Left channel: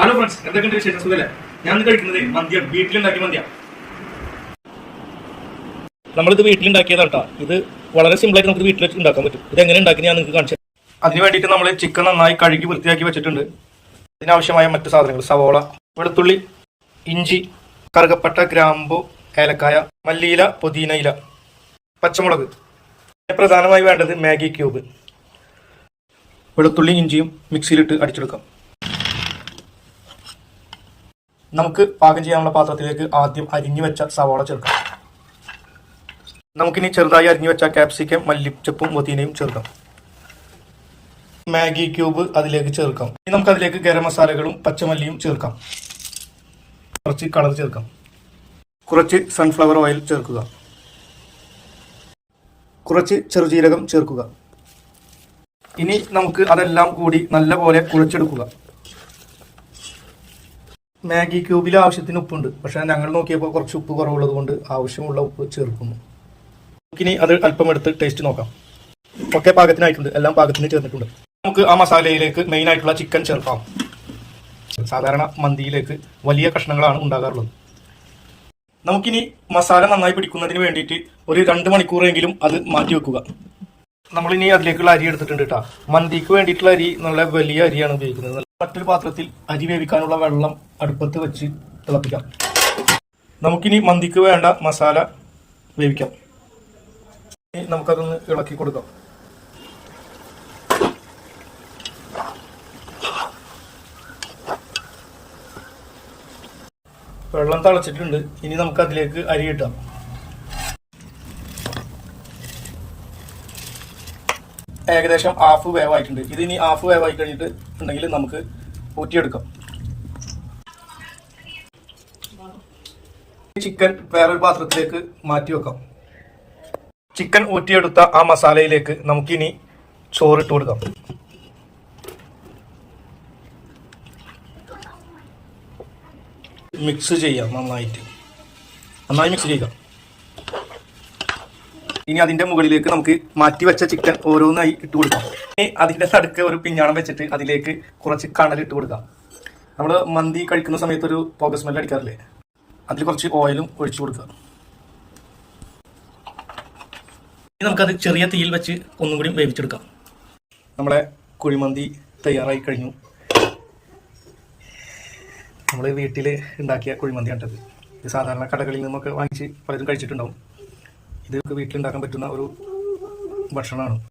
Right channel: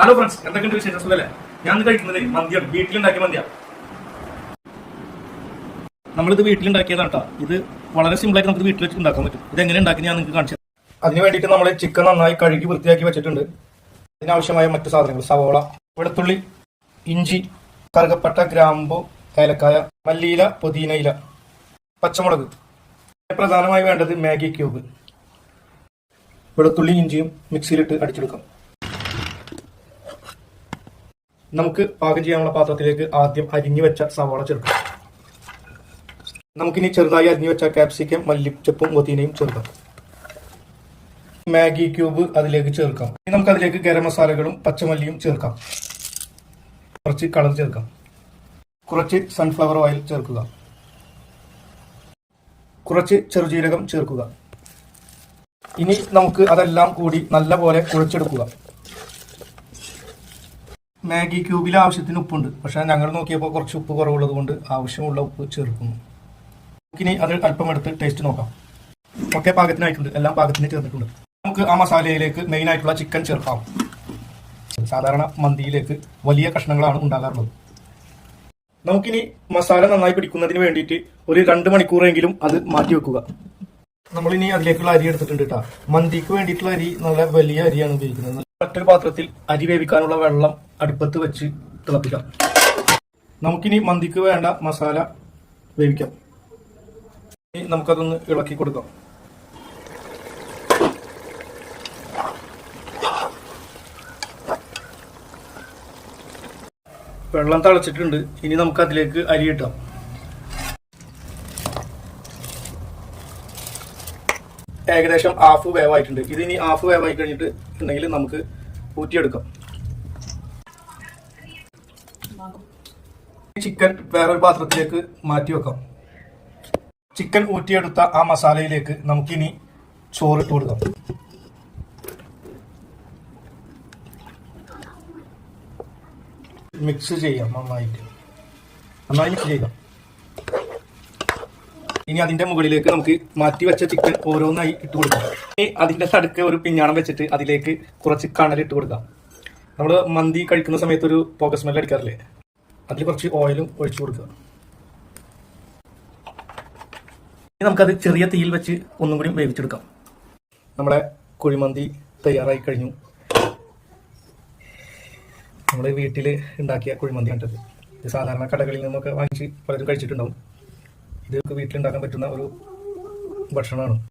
Hello friends, എന്തൊക്കെയുണ്ട് വിശേഷം? സുഖല്ലേ? ഞാൻ കഴിക്കുന്നത് മന്തിയാണ്, വീട്ടിലുണ്ടാക്കിയ മന്തിയാണ്. നമ്മളിത് വീട്ടിലുണ്ടാക്കിയതാണ് കേട്ടോ. ഇത് വളരെ സിമ്പിളായിട്ട് നമുക്ക് വീട്ടിൽ വെച്ച് ഉണ്ടാക്കാൻ പറ്റും. ഇത് എങ്ങനെ ഉണ്ടാക്കി ഞാൻ നിങ്ങൾക്ക് കാണിച്ചു. അതിന് വേണ്ടിയിട്ട് നമ്മൾ ചിക്കൻ നന്നായി കഴുകി വൃത്തിയാക്കി വെച്ചിട്ടുണ്ട്. ഇതിനാവശ്യമായ മറ്റു സാധനങ്ങൾ: സവോള, വെളുത്തുള്ളി, ഇഞ്ചി, കറുകപ്പട്ട, ഗ്രാമ്പു, ഏലക്കായ, മല്ലിയില, പുതിനയില, പച്ചമുളക്. പ്രധാനമായി വേണ്ടത് മാഗി ക്യൂബ്. വെളുത്തുള്ളി ഇഞ്ചിയും മിക്സിയിലിട്ട് അടിച്ചെടുക്കാം. നമുക്ക് പാകം ചെയ്യാനുള്ള പാത്രത്തിലേക്ക് ആദ്യം അരിഞ്ഞു വെച്ച സവാള ചേർക്കാം. നമുക്കിനി ചെറുതായി അരിഞ്ഞു വെച്ച ക്യാപ്സിക്കം, മല്ലിച്ചപ്പും പുതിനയും ചേർക്കാം. മാഗി ക്യൂബ് അതിലേക്ക് ചേർക്കാം. ഇനി നമുക്ക് അതിലേക്ക് ഗരം മസാലകളും പച്ചമല്ലിയും ചേർക്കാം. കുറച്ച് കളർ ചേർക്കാം. കുറച്ച് സൺഫ്ലവർ ഓയിൽ ചേർക്കുക. കുറച്ച് ചെറുജീരകം ചേർക്കുക. ഇനി നമുക്ക് അതെല്ലാം കൂടി നല്ലപോലെ കുഴച്ചെടുക്കുക. മാഗി ക്യൂബിൽ ആവശ്യത്തിന് ഉപ്പുണ്ട്, പക്ഷേ ഞങ്ങൾ നോക്കിയപ്പോൾ കുറച്ച് ഉപ്പ് കുറവുള്ളത് കൊണ്ട് ആവശ്യമുള്ള ഉപ്പ് ചേർക്കുന്നു. നമുക്കിനി അത് അല്പം എടുത്ത് ടേസ്റ്റ് നോക്കാം. ഒക്കെ പാകത്തിനായിട്ടുണ്ട്, എല്ലാം പാകത്തിന് ചേർന്നിട്ടുണ്ട്. നമുക്ക് ആ മസാലയിലേക്ക് മെയിൻ ആയിട്ടുള്ള ചിക്കൻ ചേർക്കാം. സാധാരണ മന്തിയിലേക്ക് വലിയ കഷ്ണങ്ങളാണ് ഉണ്ടാകാറുള്ളത്. നമുക്കിനി മസാല നന്നായി പിടിക്കുന്നതിന് വേണ്ടിയിട്ട് ഒരു 2 മണിക്കൂറെങ്കിലും അത് മാറ്റി വെക്കുക. നമ്മളിനി അതിലേക്കുള്ള അരി എടുത്തിട്ടുണ്ട് കേട്ടോ. മന്തിക്ക് വേണ്ടിയിട്ടുള്ള അരി നല്ല വലിയ അരിയാണ് ഉപയോഗിക്കുന്നത്. മറ്റൊരു പാത്രത്തിൽ അരി വേവിക്കാനുള്ള വെള്ളം അടുപ്പത്ത് വെച്ച് തിളപ്പിക്കാം. നമുക്കിനി മന്തിക്ക് വേണ്ട മസാല വേവിക്കാം. ഇനി നമുക്കതൊന്ന് ഇളക്കി കൊടുക്കാം. വെള്ളം തിളച്ചിട്ടുണ്ട്. ഇനി നമുക്ക് അതിലേക്ക് അരി ഇട്ടാം. ഏകദേശം ഹാഫ് വേവായിട്ടുണ്ട്. ഇതിനി ഹാഫ് വേവായി കഴിഞ്ഞിട്ട് ഉണ്ടെങ്കിൽ നമുക്ക് ഊറ്റിയെടുക്കാം. ചിക്കൻ വേറൊരു പാത്രത്തിലേക്ക് മാറ്റി വെക്കാം. ചിക്കൻ ഊറ്റിയെടുത്ത ആ മസാലയിലേക്ക് നമുക്കിനി ചോറിട്ട് കൊടുക്കാം. മിക്സ് ചെയ്യാം. നന്നായി മിക്സ് ചെയ്യാം. ഇനി അതിന്റെ മുകളിലേക്ക് നമുക്ക് മാറ്റി വെച്ച ചിക്കൻ ഓരോന്നായി ഇട്ട് കൊടുക്കാം. ഇനി അതിന്റെ നടുക്ക് ഒരു പിഞ്ഞാണം വെച്ചിട്ട് അതിലേക്ക് കുറച്ച് കണലിട്ട് കൊടുക്കാം. നമ്മൾ മന്തി കഴിക്കുന്ന സമയത്ത് ഒരു പുക സ്മെല്ല് അടിക്കാറില്ലേ, അതിൽ കുറച്ച് ഓയിലും ഒഴിച്ചു കൊടുക്കുക. ഇനി നമുക്കത് ചെറിയ തീയിൽ വെച്ച് ഒന്നും കൂടി വേവിച്ചെടുക്കാം. നമ്മളെ കുഴിമന്തി തയ്യാറായി കഴിഞ്ഞു. നമ്മൾ വീട്ടിൽ ഉണ്ടാക്കിയ കുഴിമന്തിയാണിത്. ഇത് സാധാരണ കടകളിൽ നിന്നൊക്കെ വാങ്ങിച്ച് പലരും കഴിച്ചിട്ടുണ്ടാവും. ഇത് വീട്ടിലുണ്ടാക്കാൻ പറ്റുന്ന ഒരു ഭക്ഷണമാണ്.